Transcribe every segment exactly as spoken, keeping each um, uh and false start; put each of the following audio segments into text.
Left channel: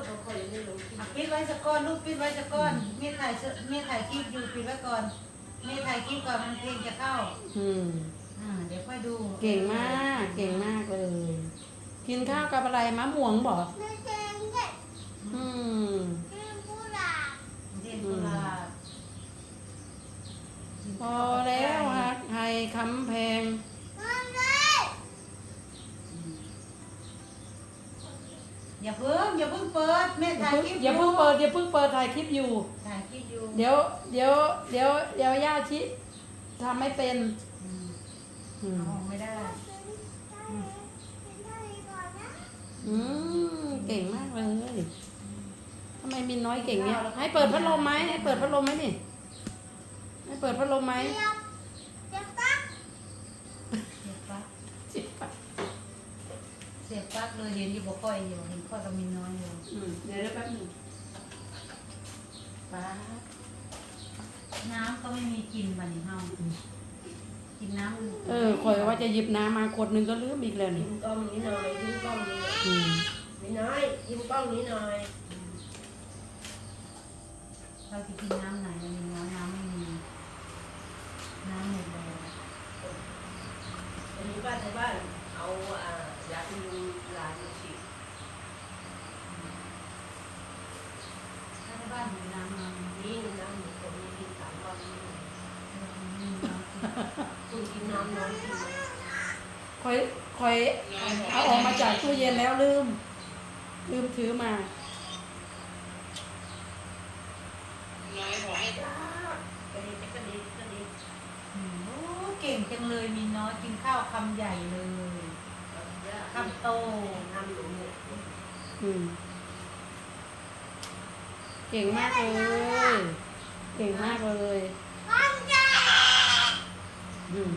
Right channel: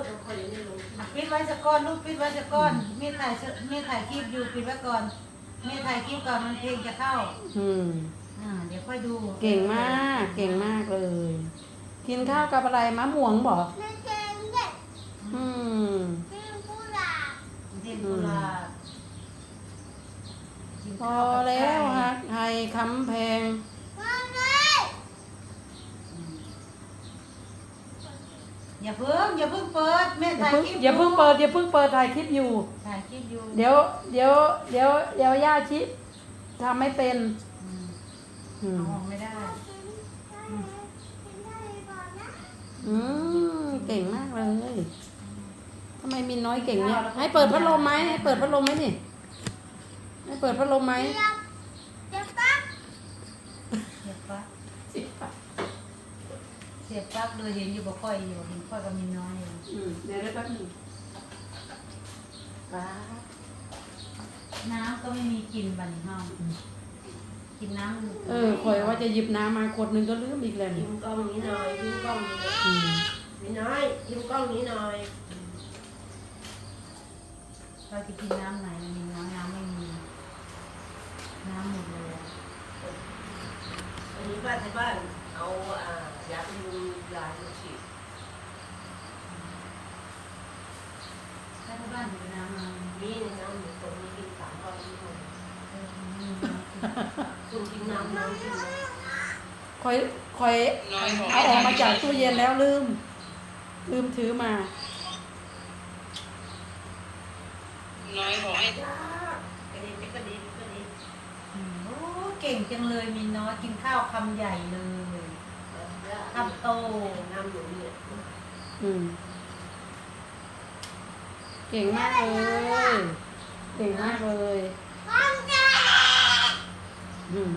บ่ค่อยได้ลงปิดไว้สักก้อนลูกปิดไว้สักก้อนเมียถ่ายเมียถ่ายคลิปอยู่ปิดไว้ก่อนเมียถ่ายคลิปก่อนมันเพลงจะเข้าอืมอ่าเดี๋ยวค่อยดูเก่งมากเก่งมากเลย กินข้าวกับอะไรมะม่วงบอกไม่เจนเด็กอืมกินกุหลาบเทศกุหลาบพอแล้วฮักไทยคำแพงมาเลยอย่าเพิ่งอย่าเพิ่งเปิดแม่อย่าถ่ายเพิ่งคลิปอย่าเพิ่งเปิดอย่าเพิ่งเปิดถ่ายคลิปอยู่ถ่ายคลิปอยู่เดี๋ยวเดี๋ยวเดี๋ยวเดี๋ยวย่าชิทำไม่เป็นอืมอืมเอาออกไม่ได้กินได้กินได้ก่อนนะอืมเก่งมากเลยทำไมมินน้อยเก่งเนี่ยให้เปิดพัดลมไหมให้เปิดพัดลมไหมนี่ให้เปิดพัดลมไหมเดี๋ยวเดี๋ยวปั๊บเสียบปลั๊กเสียบปลั๊กเลยเห็นอยู่บ่ค่อยอยู่เห็นค่อยกับมินน้อยอยู่อืมเดี๋ยวเดี๋ยวแป๊บหนึงว้าน้ำก็ไม่มีกินบัดนี้เฮากินน้ำเออคอยว่าจะหยิบน้ำมาขวดหนึงก็ลืมอีกแล้วยิ้นี่มกล้องนี้หน่อยยิ้มกล้องนี้หน่อยอืมไม่น้อยยิ้มกล้องนี้หน่อยเราจะกินน้ำไหนมินน้อยน้ำไม่มี น้ำหมดแล้วอันนี้บ้านที่บ้านเอาอ่ายาที่ยุงยาที่ฉีดถ้าที่บ้านมีน้ำมานี่น้ำหนึ่งคนนี้กินสามวันนี่หมดเออมีน้ำกินคุณกินน้ำน้อยกินน้อยคอยคอยเอาออกมาจากตู้เย็นแล้วลืม ลืมถือมาน้อยบอกให้จ้ากระดิกกระดิกกระดิกอืมโอ้เก่งจังเลยมินน้อยกินข้าวคำใหญ่เลยคำโตน้ำหนูเนี่ยอืมเก่งมากเลย เก่งมากเลยปั๊บจ้าอืม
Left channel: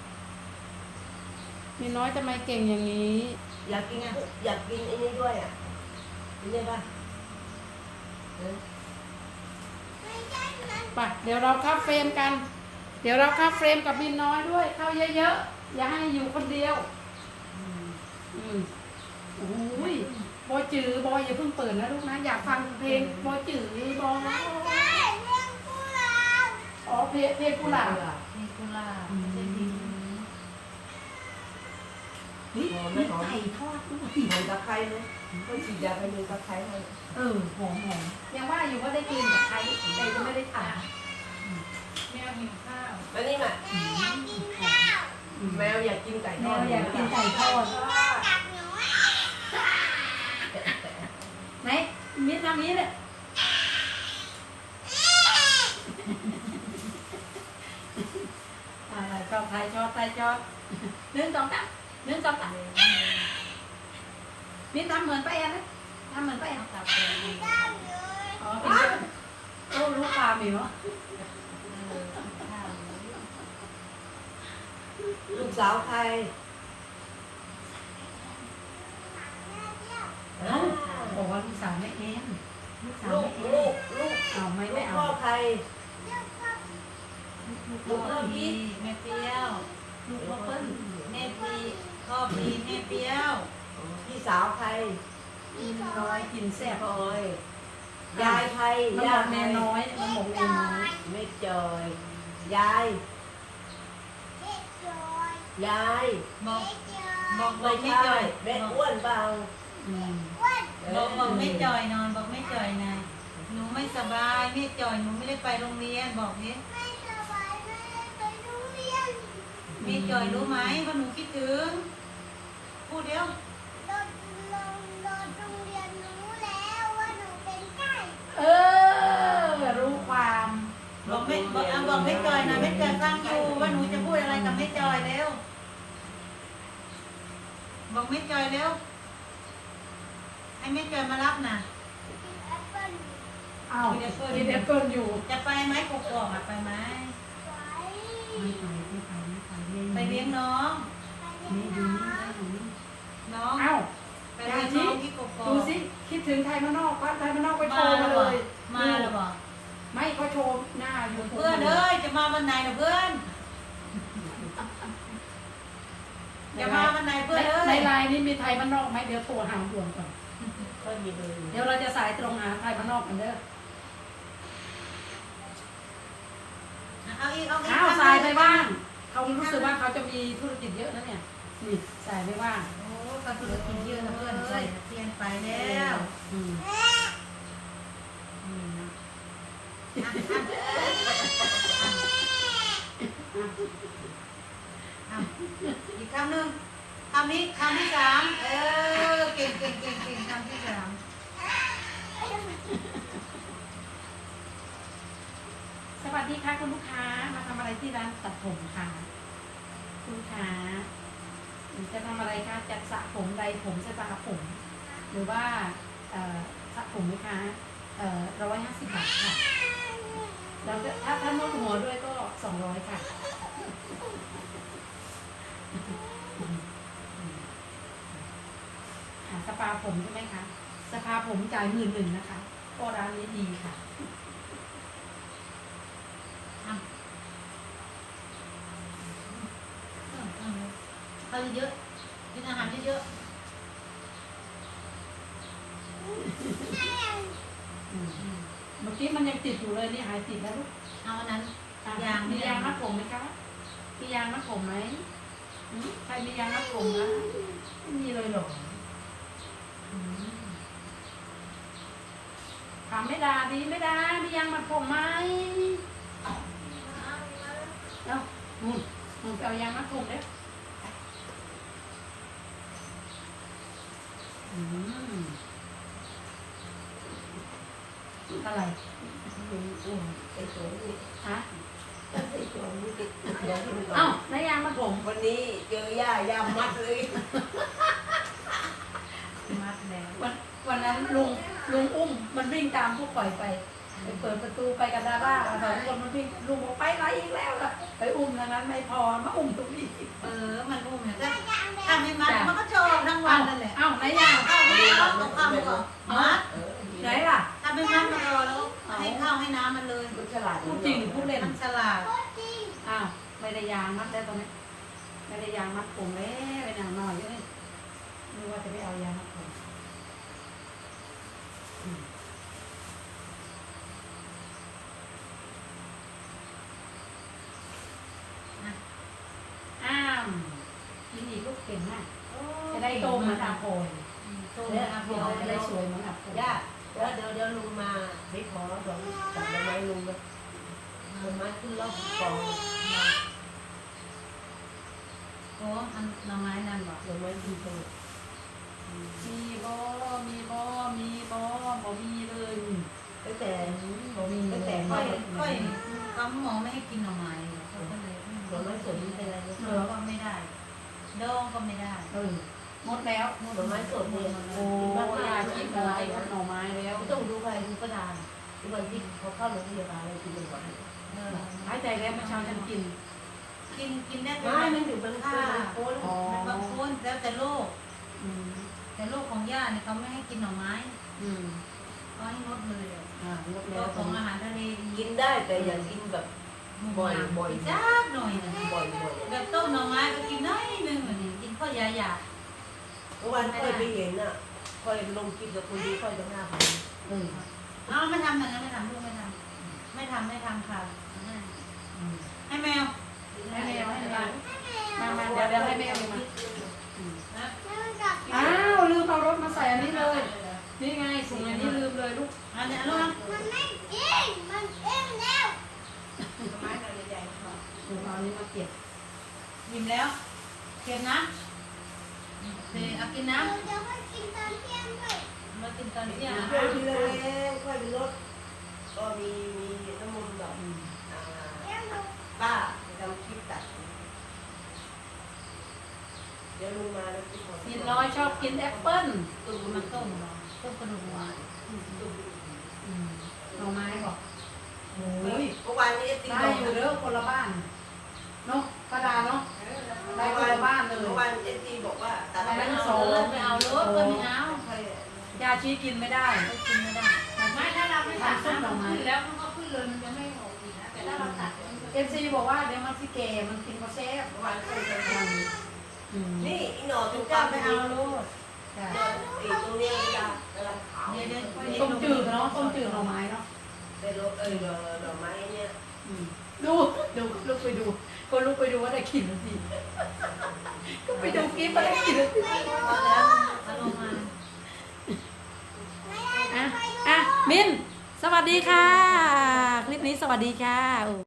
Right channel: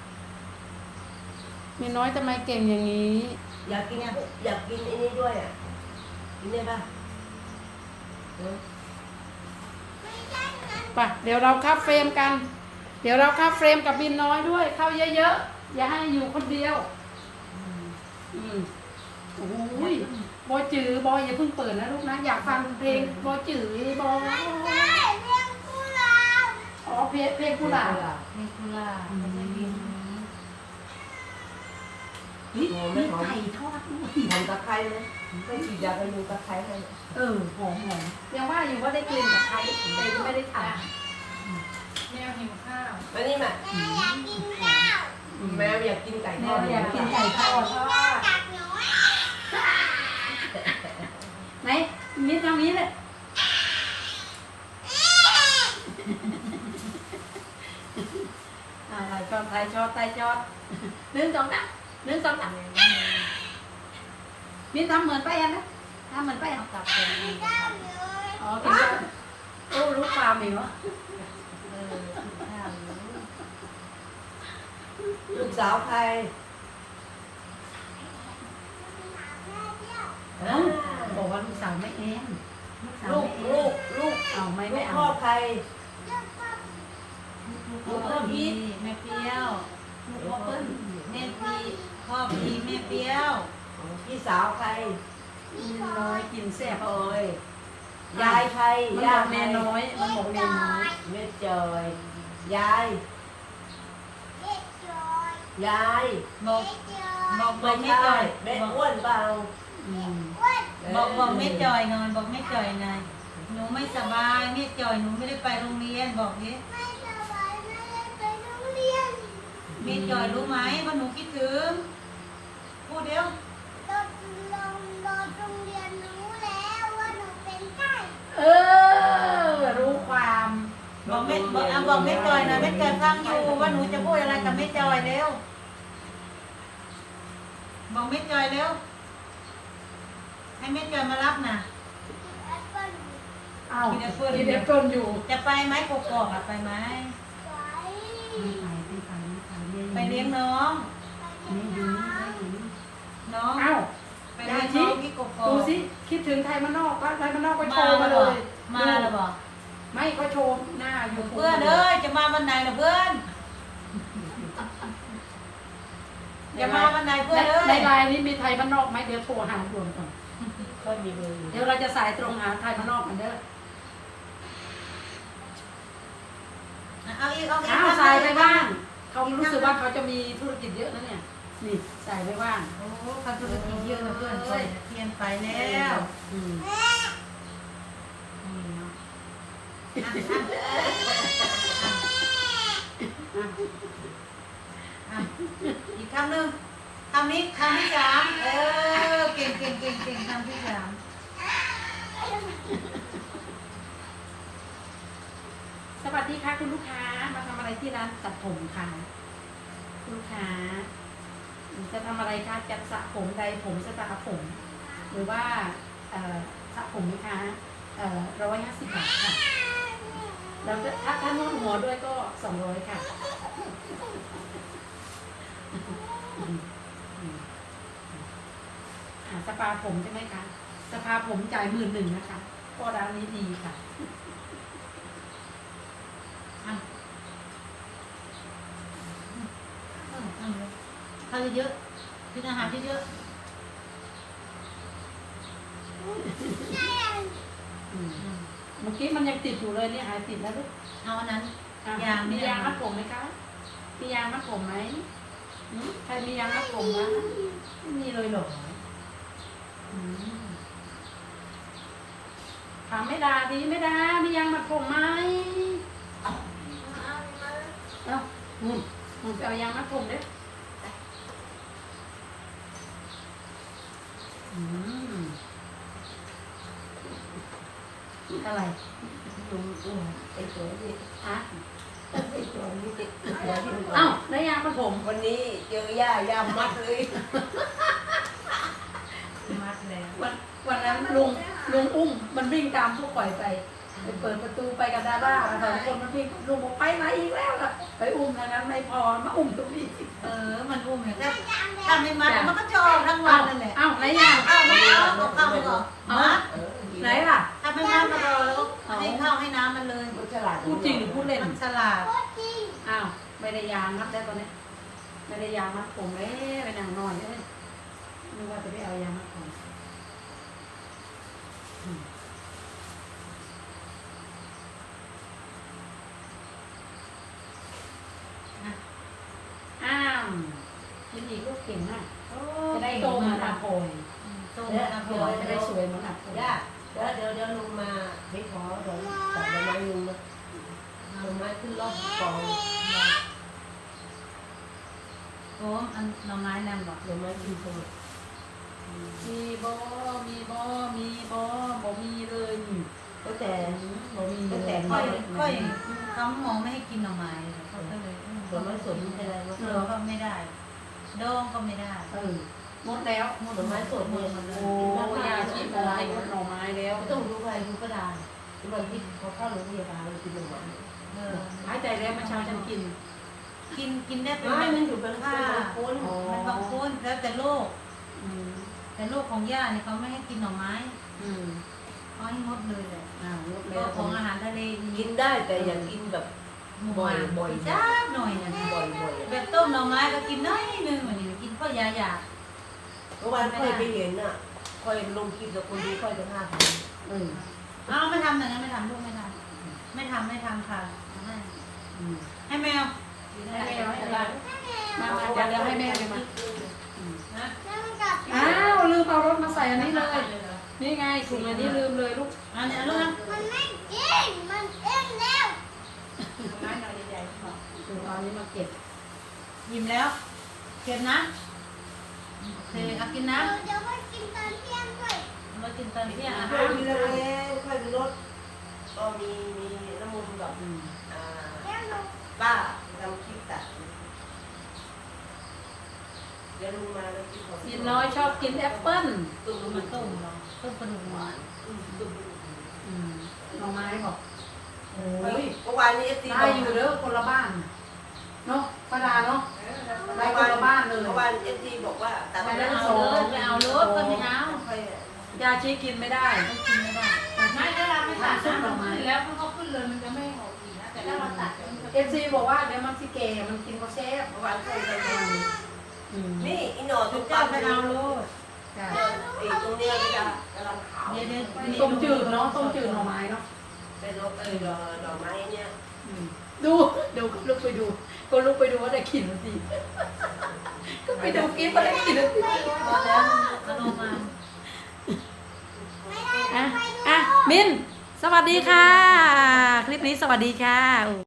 มีน้อยทำไมเก่งอย่างนี้อยากกินอยากกินไอ้นี่ด้วยอ่ะกินได้ป่ะเออไม่ใช่เงินไปเดี๋ยวเราเข้าเฟรมกัน เดี๋ยวเราเข้าเฟรมกับบินน้อยด้วย เข้าเยอะๆ อย่าให้อยู่คนเดียวอืมอืมโอ้ยบอยจือบอยอย่าเพิ่งเปิดนะลูกนะ อยากฟังเพลงบอยจือบอยไม่ใช่เรื่องกุหลาบอ๋อเพลงเพลงกุหลาบนี่กุหลาบมันจะบินเฮ้ยมีไก่ทอดด้วยหอมตะไคร้ไหมต้องฉีดยากันยุงตะไคร้ให้เออหอมหอมยังว่าอยู่ว่าได้กินกับใครแต่ก็ไม่ได้ทานแม่หิวข้าวมานี่มาแม่อยากกินข้าวแมวอยากกินไก่ทแม่อดอยากกินไก่ทอดกินข้าวกับหนูไหนนี่ทำนี้เลยอะไรชอบไทยชอบไทยชอบหนึ่งสองสามหนึ่งสองสามนี่ทำเหมือนป้าแอนนะทำเหมือนป้าแอนเอากลับไปกินข้าวเลยอ๋อกินข้าวโอ้รู้ความเหรอเออกินข้าวอยู่ลูกสาวใครเอ้าบอกว่าลูกสาวไม่เองลูกสาวลูกไม่เอลูงกลูกเอาไม่ลูไม่กเอาพ่อใครลูกพ่อพีแม่เปรี้ยวลูกพ่อเปิ้ลแม่พีพ่อพีแม่เปรี้ยวพี่สาวใครกินน้อยกินแซ่บพลอยยายใครมันบยาอย กใครแน่น้อยมันบอกแน่น้อยแม่จอยยายเด็กจอยยายบอกเด็กจอยบอกบไม่อกแม่ใช่จอยแม่บอกอ้วนเปล่าอืมอ้วนบอกบอกแม่จอยหนอนบอกแม่จอยหน่อยหนูไม่สบายแม่จอยหนูไม่ได้ไปโรงเรียนบอกนี้ไม่สบายไม่ได้ไปโรงเรียนแม่จอยรู้ไหมว่าหนูคิดถึงพูดเดียวรถลงรถโรงเรียนรู้แล้วว่าหนูเป็นไก่เออรู้ความบอกแม่บอกอ่ะบอกแม่จอยนะแม่จอยฟังอยู่ว่าหนูจะพูดอะไรกับแม่จอยเร็วบอกแม่จอยเร็วให้แม่จอยมารับนะแอปเปิ้ลอ้าวที่เด็ดต้นอยู่จะไปไหมกกอกอะไปไหมไว้ไม่ไปไม่ไปไม่ไปไม่ไปเลี้ยงน้องไปไม่เลี้ยงดีน้ไม่ดีน้องเอ้าไปเลี้ยงน้องที่กกอกดูสิคิดถึงไทยมานอกก็ไทยมานอกก็โชมาว์แล้มาว เลบอกยมาแล้วบอกไม่ก็โชว์หน้าอยู่เพื่อนเอ้ยจะมาวันไหนนะเพื่อนจะมาวันไหนเพื่อนเอ้ในยไลน์นี้มีไทยมานอกไหมเดี๋ยวโทรหาด่วนก่อนโทรค่อยมีเลยเดี๋ยวเราจะสายตรงหาไทยพนอกกันเด้อเอาอีกเอาอีกอ้าวสายไปบ้างเขารู้สึกว่าเขาจะมีธุรกิจเยอะนะเนี่ยนี่สายไปบ้างโอ้เขาธุรกิจเยอะเพื่อนไปเทียนไปแล้วอืมนี่นะอ่ะอ่ะอ่ะอ่ะอีกคำหนึ่งคำนี้คำที่สามเออเก่งเก่งเก่งเก่งคำที่สามสวัสดีค่ะคุณลูกค้ามาทำอะไรที่ร้านตัดผมค่ะคุณลูกค้าจะทำอะไรคะจัดสระผมใดผมสปาผม หรือว่าเอ่อสระผมไหมคะเอ่อร้อยห้าสิบบาทค่ะแล้วก็ถ้าถ้านวดหัวด้วยก็สองร้อยค่ะอ่าสปาผมใช่ไหมคะสปาผมจ่ายหมื่นหนึ่งนะคะก็ร้านนี้ดีค่ะอ่ะอืมอืมข้าวเยอะๆกินอาหารเยอะอืมๆอืมเมื่อกี้มันยังติดอยู่เลยนี่หายติดแล้วลูกเอาอันนั้นอ่ะยางมีเนี่ยยางมัดผมไหมคะมียางมัดผมไหมหืมใครมียางมัดผมนะไม่มีเลยเหรออืมถามไม่ดาดีไม่ดามียางมัดผมไหมเอ้าหมุนหมุนไปเอายางมัดผมเด้ออืมอะไรลุงอุ้มไอ้ตัวนี้ฮะไอ้ตัวนี้ติดตัวที่มันเอ้าในยางมัดผมวันนี้เจอย่ายามัดเลยมัดแล้ววันวันนั้นลุงลุงอุ้มมันวิ่งตามพวกปล่อยไปไปเปิดประตูไปกับดาด้าสองคนมันวิ่งลุงบอกไปไหนอีกแล้วล่ะไปอุ้มทางนั้นไม่พอมาอุ้มตรงนี้เออมันอุ้มเนี่ยถ้าถ้าไม่มัดมันก็จะออกทั้งวันนั่นแหละเอ้าไหนยางข้าวไม่เอาเอาข้าวไปก่อนมัดเออไหนล่ะถ้าไม่มัดก็รอแล้วก็ให้ข้าวให้น้ำมันเลยมันฉลาดพูดจริงหรือพูดเล่นมันฉลาดอ้าวไม่ได้ยางมัดได้ตอนนี้ไม่ได้ยางมัดผมเลยไปอย่างหน่อยเลยนึกว่าจะไปเอายางมัดผมอืมอ้ามยินดีลูกเก่งมากจะได้โตเหมือนอาโปงโตเดี๋ยวมาเดี๋ยวจะได้สวยเหมือนอาโปงย่าแล้วเดี๋ยวเดี๋ยวลุงมาไม่ขอเดี๋ยวตัดใบไม้ลุงนะใบไม้ขึ้นรอบกองโอ้อันหน่อไม้นั่นบอกใบไม้ขึ้นสมุดมีบอมีบอมีบอบอมีเลยอืมก็แต่บอมีเลยค่อยค่อยเขาหมอไม่ให้กินหน่อไม้เขาก็เลยใบไม้สดไม่เป็นไรวะเออก็ไม่ได้ดองก็ไม่ได้เออหมดแล้วใบไม้สดเนี่ยมันโอ้ยาชีพอะไรหน่อไม้แล้วไม่ต้องรู้ใครรู้ก็ได้ทุกวันที่เขาเข้าโรงพยาบาลกินหมดเออหายใจแล้วเมื่อเช้าฉันกินกินกินได้เป็นไม่เม็มันดอยู่เป็นผ้าคนอ๋อมันบางคนแล้วแต่โรคอืมแต่โรคของย่าเนี่ยเขาไม่ให้กินหน่อไม้อืมเขาให้งดเลยเลยอ่างดก็แล้วของอาหารทะเลกินได้แต่อย่ากินแบบ บ่อยบ่อยจ้าหน่อยนะบ่อยบ่อยแบบต้มหน่อไม้ก็กินน้อยนึงเหมือนกินข้าวยาหยาเมื่อวานค่อยไปเห็นอ่ะค่อยลงคลิปแล้วคนดูค่อยจะหน้าพันอืมอ้าวไม่ทำอย่างนั้นไม่ทำลูกไม่ทำไม่ทำไม่ทำค่ะให้อืมให้แมวให้แม่ให้แม่มามาเดี๋ยวเดี๋ยวให้แม่เลยมาอืมอ้าวลืมเอารถมาใส่อันนี้เลย นี่ไงถุงอันนี้ลืมเลยลูกอันนี้ลูกนะมันไม่กินมันเอ็งแล้วถุงเอาอันนี้มาเก็บยิ้มแล้วเก็บนะโอเคเอากินน้เดี๋ยวไปกินตอนเที่ยงด้วยำมากินตอนเที่ยงอ่ะค่อยมีเล็กค่อยมีรถก็มีมีน้ำมันแบบอืมอ่าเดี๋ยวหนูป้าทำคลิปตัดเดี๋ยวลุงมาแล้วที่ผมกินน้อยชอบกินแอปเปิ้ลตุ้มเอามัมาน ต้มเนาะต้มกระดูกหวานตุ้มอืมหน่อไม้บอกโอ้เฮ้ยยเมื่อวานนี้ตีได้อยู่เด้อคนละบ้านเนาะป้าดาเนาะได้คนละบ้านเลยเมื่อวานเอฟซีบอกว่าตัดไม่แล้วเอาเลยไม่เอารถก็ไม่เอาค่อยยาชีกินไม่ได้ไม่กินไม่ได้ไม่ถ้าเราไปตัดส้มดอกไม้แล้วมันก็ขึ้นเลยมันจะไม่ออกอีกนะแต่ถ้าเราตัดเดี๋ยวมันจะเอฟซีบอกว่าเดี๋ยวมันสิเกมันกินก็เซฟเมื่อวานค่อยจะอืมนี่อีหนอทุทุกกเจ้าเจ้าไม่ไม่เอาเอารถจ้ะไอ้ตรงเนี้ยจะกำลังขเดี๋ยวเดี๋ยวต้มจืดเนาะต้มจืดหน่อไม้เนาะเป็นรถเออดอกดอกไม้เนี่ยอืมดูดูก็ลุกไปดูก็ลุกไปดูว่าได้กินหรือสิก็ไปดูคลิปว่าได้กินหรือสิพอแล้วเอาลงมาอ่ะอ่ะมินสวัสดีค่ะ คลิปนี้สวัสดีค่ะ